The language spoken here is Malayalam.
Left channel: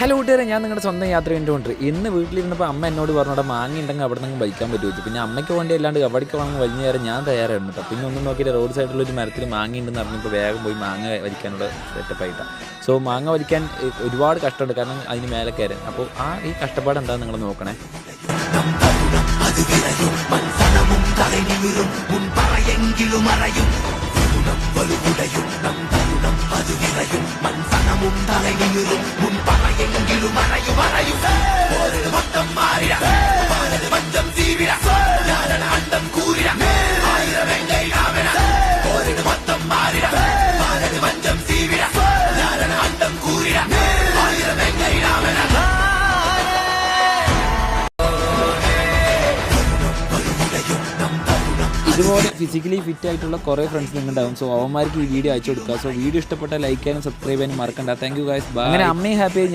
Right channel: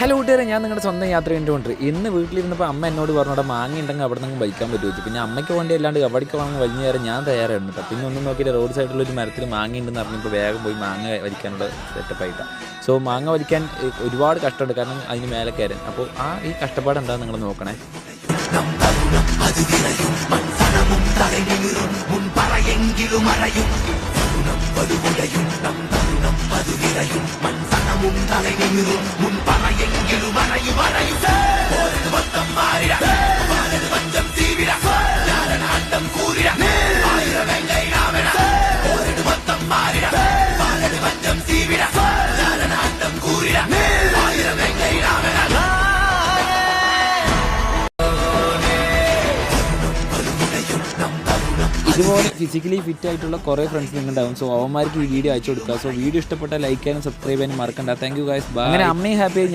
ഹലോ കൂട്ടുകാരെ, ഞാൻ നിങ്ങളുടെ സ്വന്തം യാത്ര ചെയ്തുകൊണ്ട് ഇന്ന് വീട്ടിലിരുന്നപ്പോൾ അമ്മ എന്നോട് പറഞ്ഞോടെ മാങ്ങ ഉണ്ടെങ്കിൽ അവിടെ നിന്ന് ബൈക്കാൻ പറ്റുമോ വെച്ചു. പിന്നെ അമ്മയ്ക്ക് വേണ്ടി അല്ലാണ്ട് കബഡിക്ക് വാങ്ങി വലിഞ്ഞു കയറി ഞാൻ തയ്യാറായിരുന്നു കേട്ടോ. പിന്നെ ഒന്നും നോക്കിയിട്ട് റോഡ് സൈഡിലൊരു മരത്തിൽ മാങ്ങ ഉണ്ടെന്ന് പറഞ്ഞപ്പോൾ വേഗം പോയി മാങ്ങ വലിക്കാനുള്ള സെറ്റപ്പായിട്ടാണ്. സോ മാങ്ങ വലിക്കാൻ ഒരുപാട് കഷ്ടമുണ്ട്, കാരണം അതിന് മേലെ കയറാൻ. അപ്പോൾ ഈ കഷ്ടപ്പാട് എന്താ നിങ്ങൾ നോക്കണേ. ഇതുപോലെ ഫിസിക്കലി ഫിറ്റ് ആയിട്ടുള്ള കുറേ ഫ്രണ്ട്സ് നിങ്ങളുണ്ടാവും. സോ അവന്മാർക്ക് ഈ വീഡിയോ അയച്ചു കൊടുക്കുക. സോ വീഡിയോ ഇഷ്ടപ്പെട്ടാൽ ലൈക്ക് ചെയ്യാനും സബ്സ്ക്രൈബ് ചെയ്യാനും മറക്കണ്ട. Thank you guys. അങ്ങനെ അമ്മയും ഹാപ്പി.